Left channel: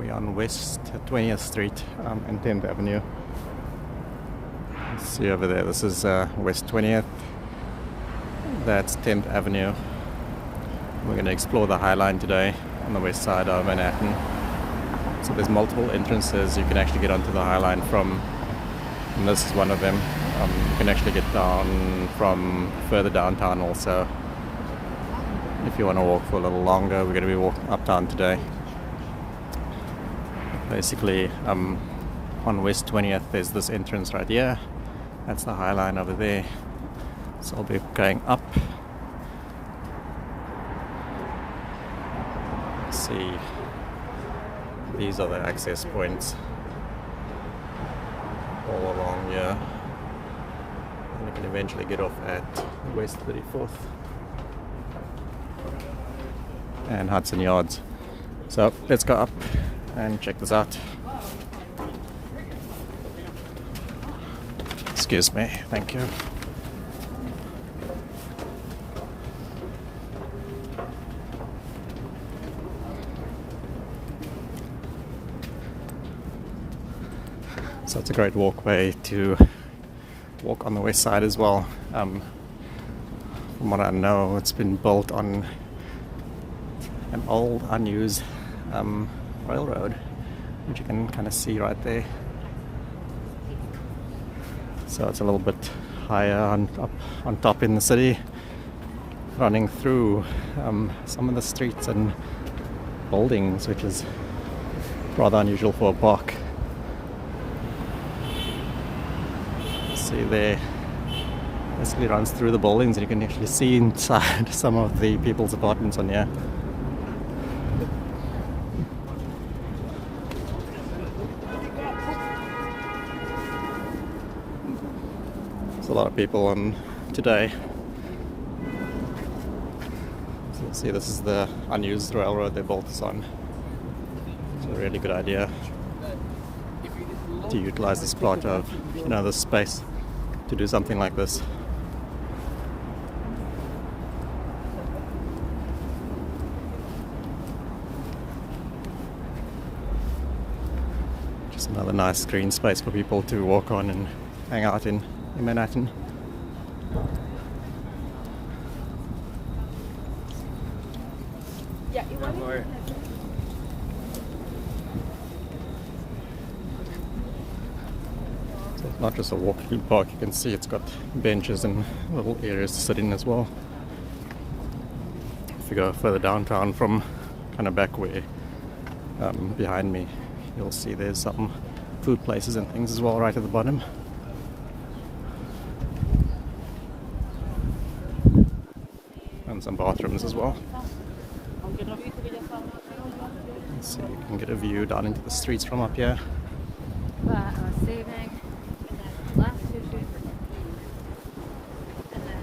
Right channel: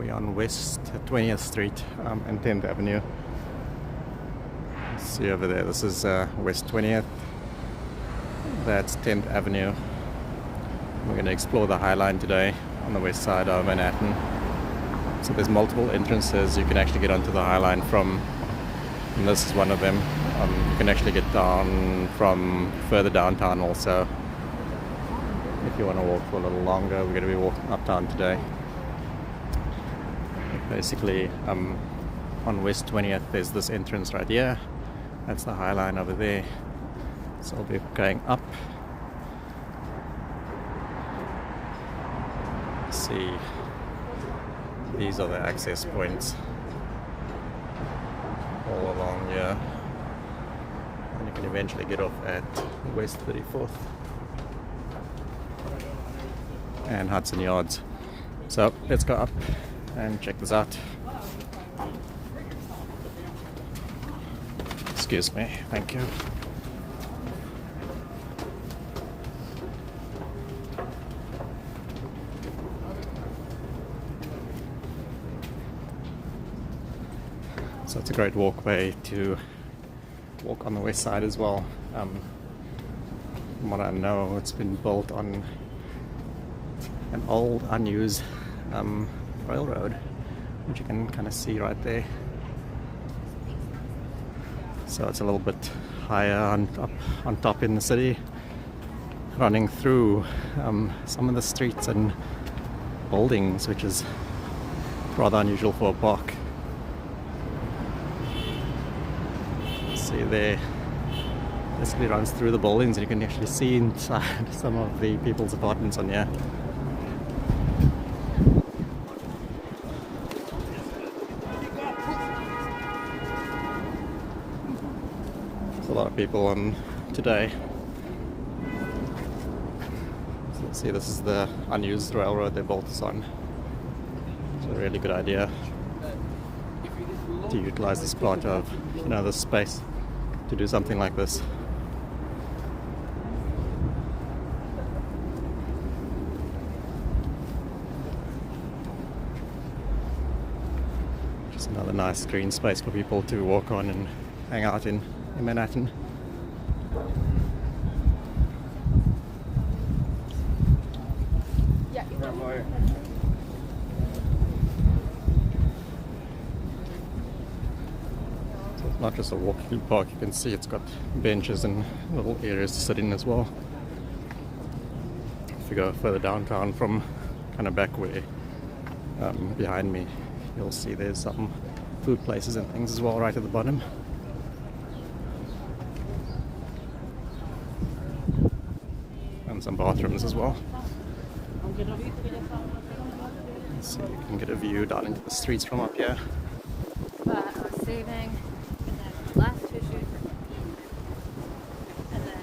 We're on West 20th Street and 10th Avenue. See over there, this is West 20th. That's 10th Avenue. We're going to explore the Highline today on the west side of Manhattan. So there's multiple entrances you can actually get onto the Highline from, and this is one of them. You can actually get down from further downtown also. If you want to walk for a little longer, we're going to be walking uptown today. Basically, on West 20th, there's this entrance right here. That's the Highline over there. So I'll be going up. Let's see, these are the access points all along here. And you can eventually get off at West 34th and Hudson Yards. So let's go up and check this out. Excuse me, thank you. So it's a great walkway to walk on the west side as well. From what I know, it's been built on an old, unused railroad, which you can kind of see right there. So it's a little bit higher on top in the city, running through some of the streets and buildings, which is rather unusual for a park. See there, basically runs through the buildings, and you can actually see inside some of the people's apartments on here. A lot of people on today. So you see, this is the unused railroad they built this on. It's a really good idea to utilize this part of this space to do something like this. Just another nice green space for people to walk on and hang out in Manhattan. Yeah, you want more? So it's not just a walking park, you can see it's got benches and little areas to sit in as well. If you go further downtown from kind of back where behind me, you'll see there's some food places and things as well right at the bottom. And some bathrooms as well. Let's see if you can get a view down into the streets from up here. Saving last issue for and then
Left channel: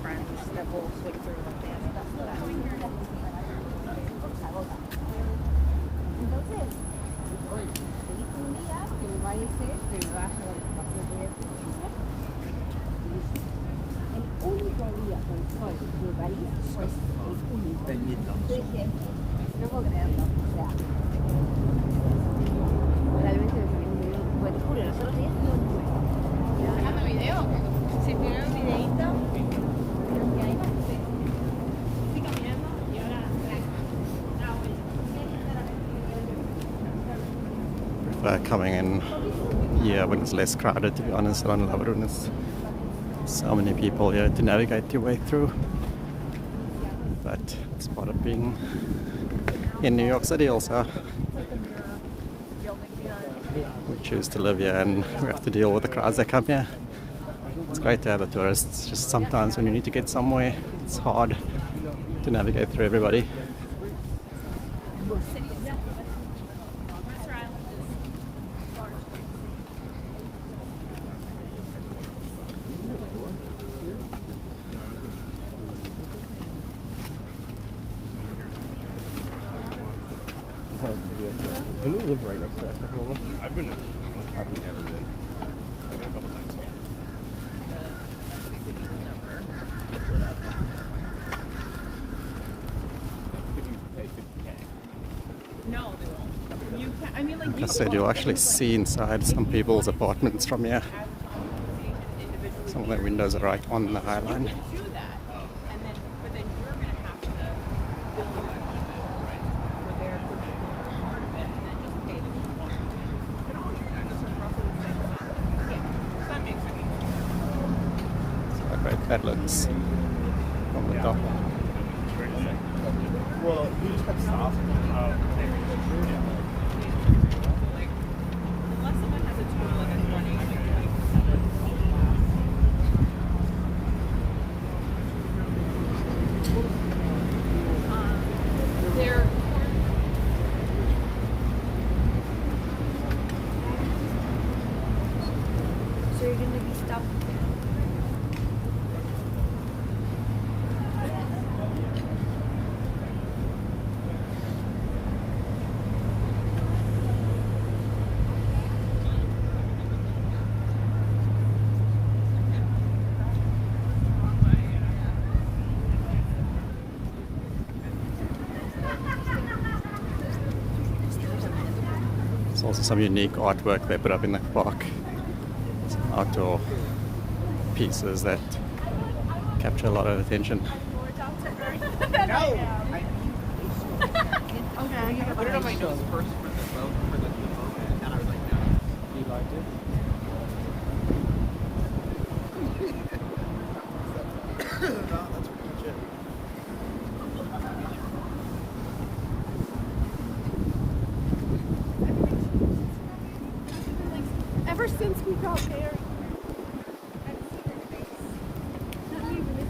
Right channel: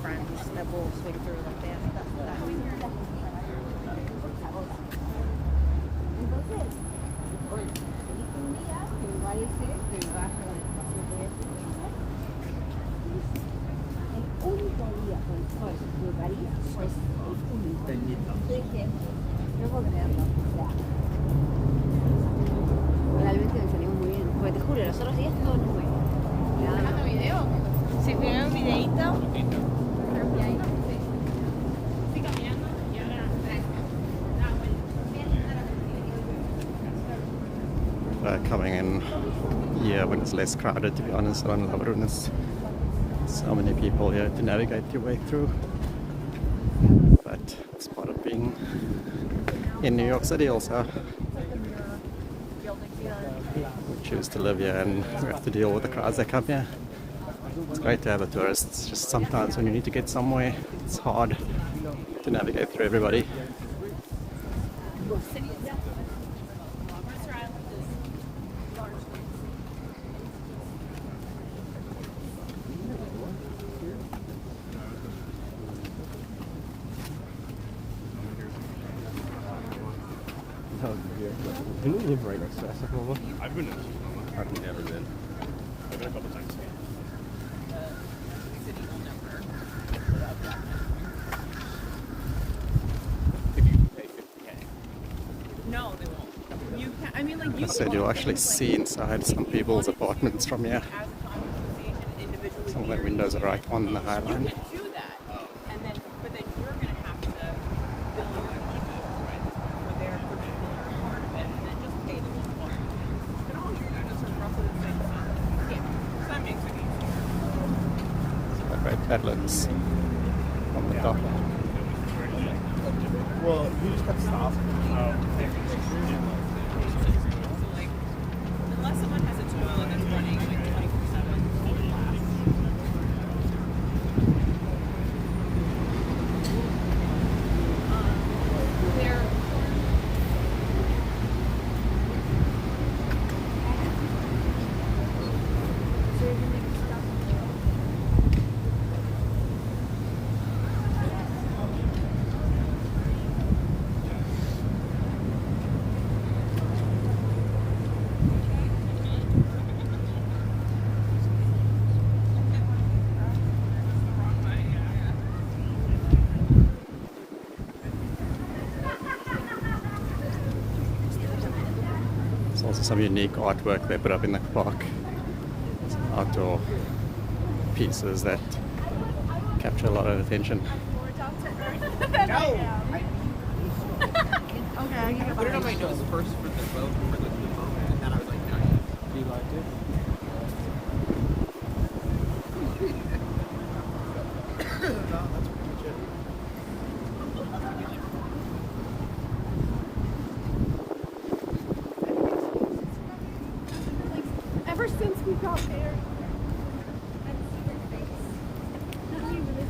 friends that will swing through the realmente me salió muy bien. Pues te juro, los otros días todo nuevo. ¿Grabando video? Sí, primero un videito. Y ahí no sé. Estoy caminando y ahora Coming in here when it's less crowded, to be honest. I don't love it when it's so many people here to navigate your way through. But it's part of being in New York City also. We choose to live here and we have to deal with the crowds that come here. It's great to have a tourist. It's just sometimes when you need to get somewhere, it's hard to navigate through everybody. I don't live right next to us. I've been. I've never been. I've been a couple times. If you pay $50K. No, they won't. Like I said, you'll actually see inside some people's apartments from here. Some of the windows are right on the Highline. Right, that looks from the top. Well, we just got stopped. Unless someone has a toilet that's running like 24/7. They're so you're gonna be stuck there. There's also some unique artwork they put up in the park. Some outdoor pieces that capture a lot of attention. No! Okay. Put it on my nose first for the boat, for the and then I was like, no. Do you like it? Ever since we got there, I've seen her face. Not even with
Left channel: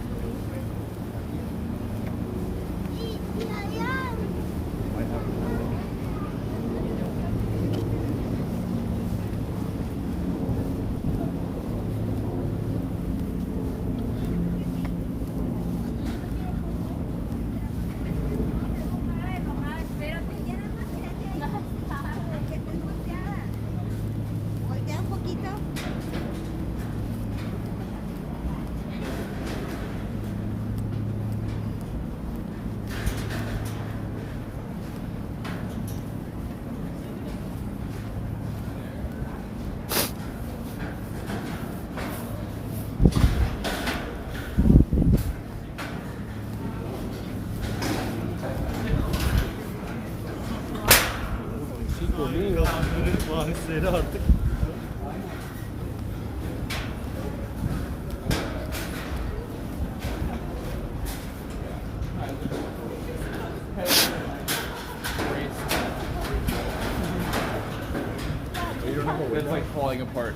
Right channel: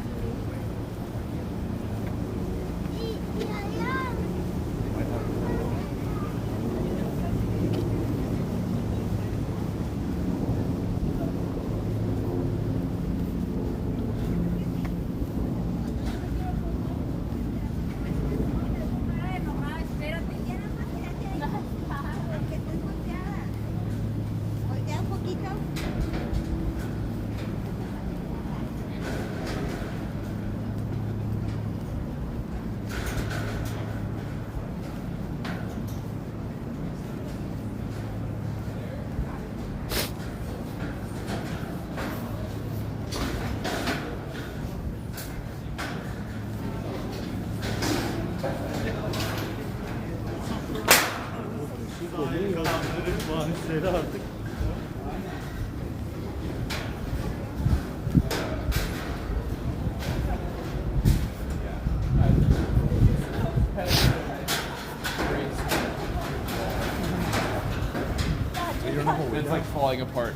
It's like falling apart.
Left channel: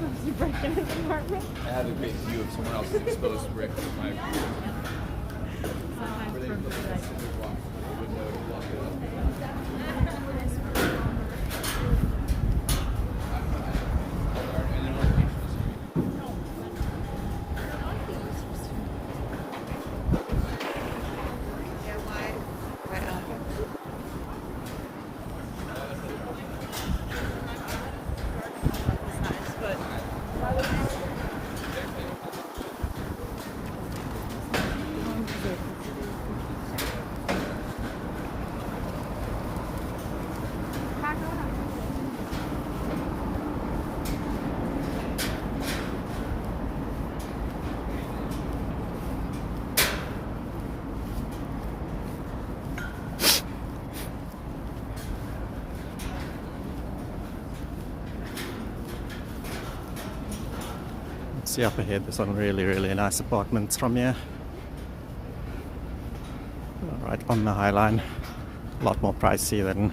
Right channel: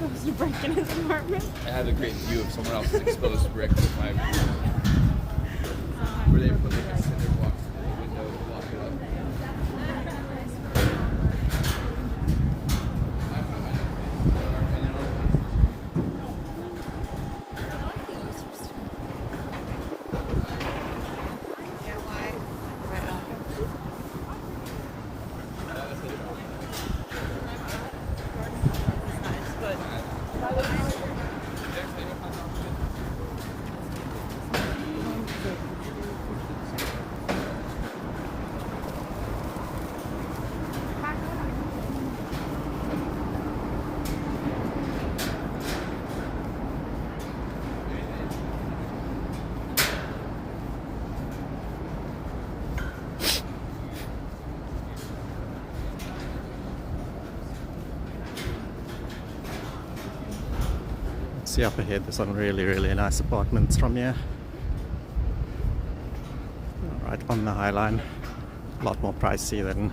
was breaking his apartment. I had a great view of someone else's exposed brick with my where they put like a cinder block in the window to block it up. See up ahead, there's some really nice apartments from here. Right on the Highline. A lot more pricey than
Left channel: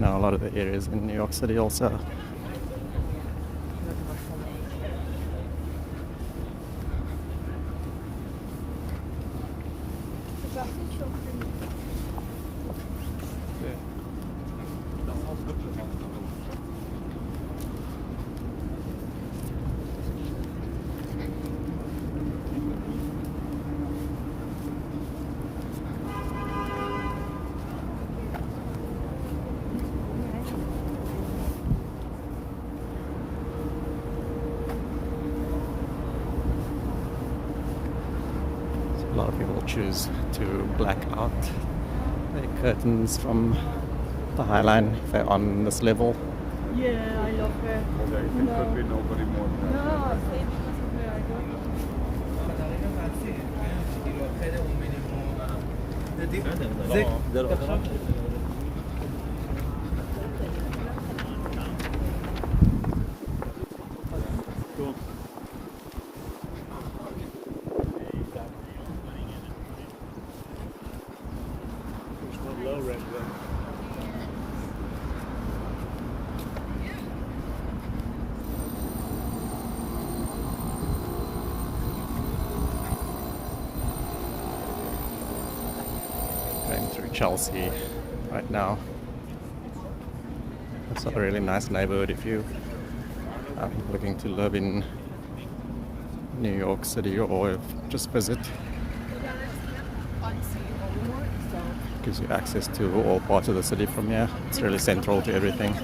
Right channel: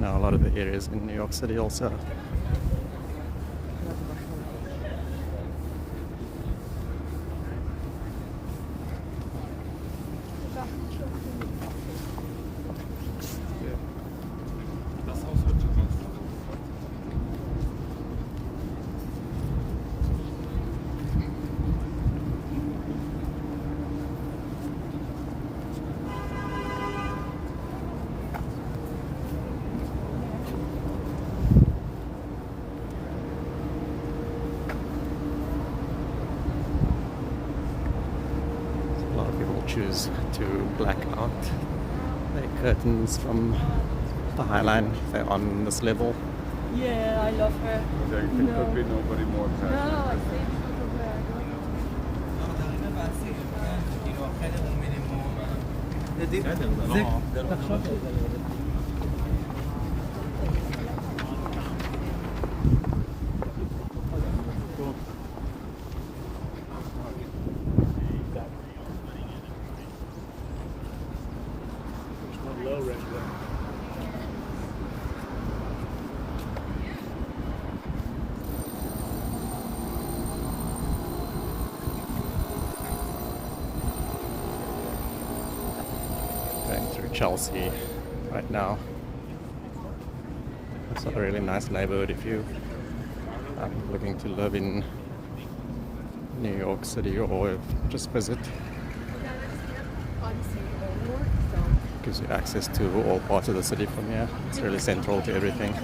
a lot of the areas in New York City also. Das Haus wird schon raus. A lot of people choose to black out their curtains from the Highline if they're on this level. Yeah, I love her. There could be nobody more No, attractive. say because of her. Going through Chelsea right now. It's a really nice neighborhood if you are looking to live in New York City or just visit. Gives you access to all parts of the city from here. It's really central to everything.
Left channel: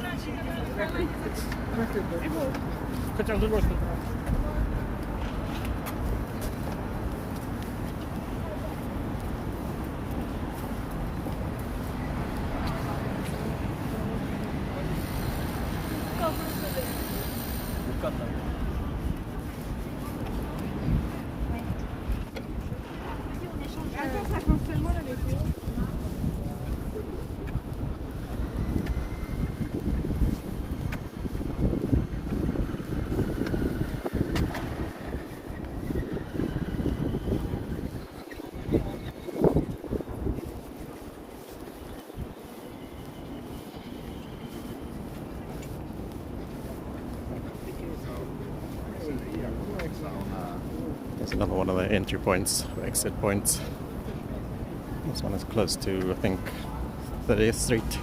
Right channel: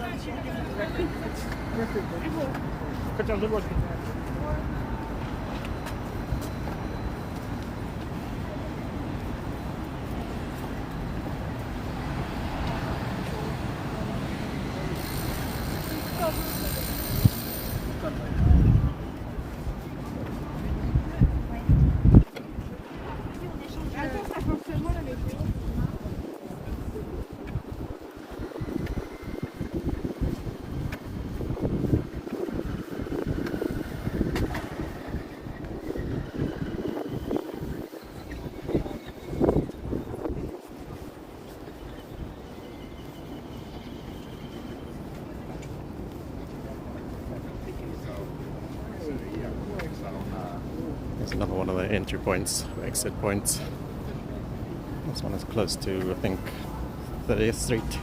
There's another one of the entry points, or exit points. This one is close to, I think, 30th Street.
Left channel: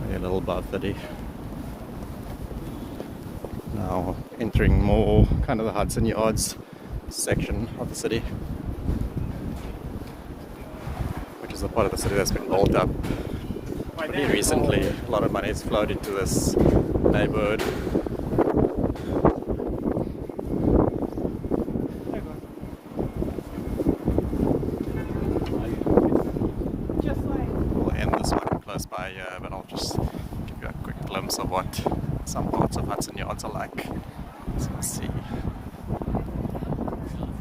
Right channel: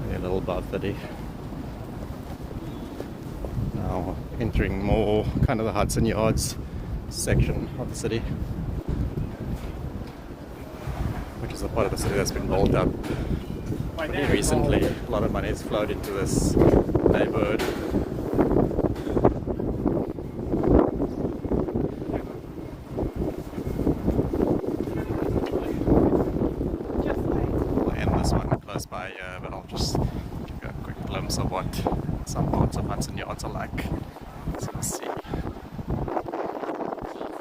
Maybe a little above 30. Now entering more kind of the Hudson Yards section of the city, which is a part of the city that's been built up pretty recently. A lot of money has flowed into this neighborhood. Close by here, but I'll just give you a quick glimpse of what some parts of Hudson Yards are like. So let's see.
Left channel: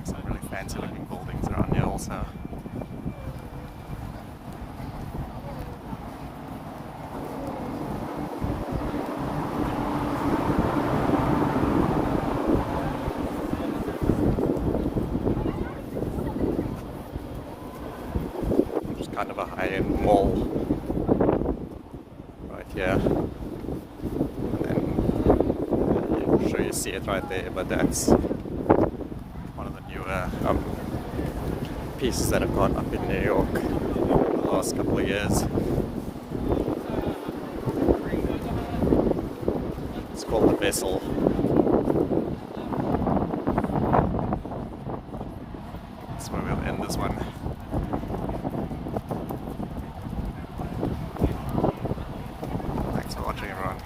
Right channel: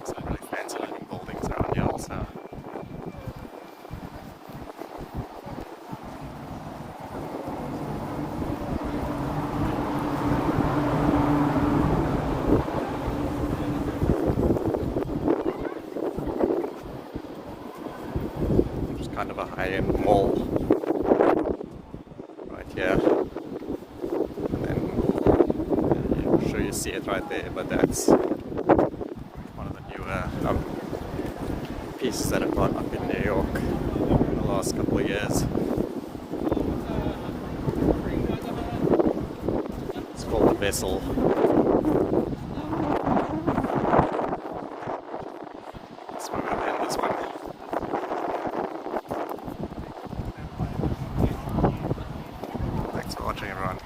Some really fancy looking buildings around here also. It's kind of a high-end mall. Yeah, and I'm sure you see it right there, but that's one of the newer pieces that have gone up in New York in the last couple of years. It's called the Vessel. That's where we'll end this one. Thanks for watching, everyone.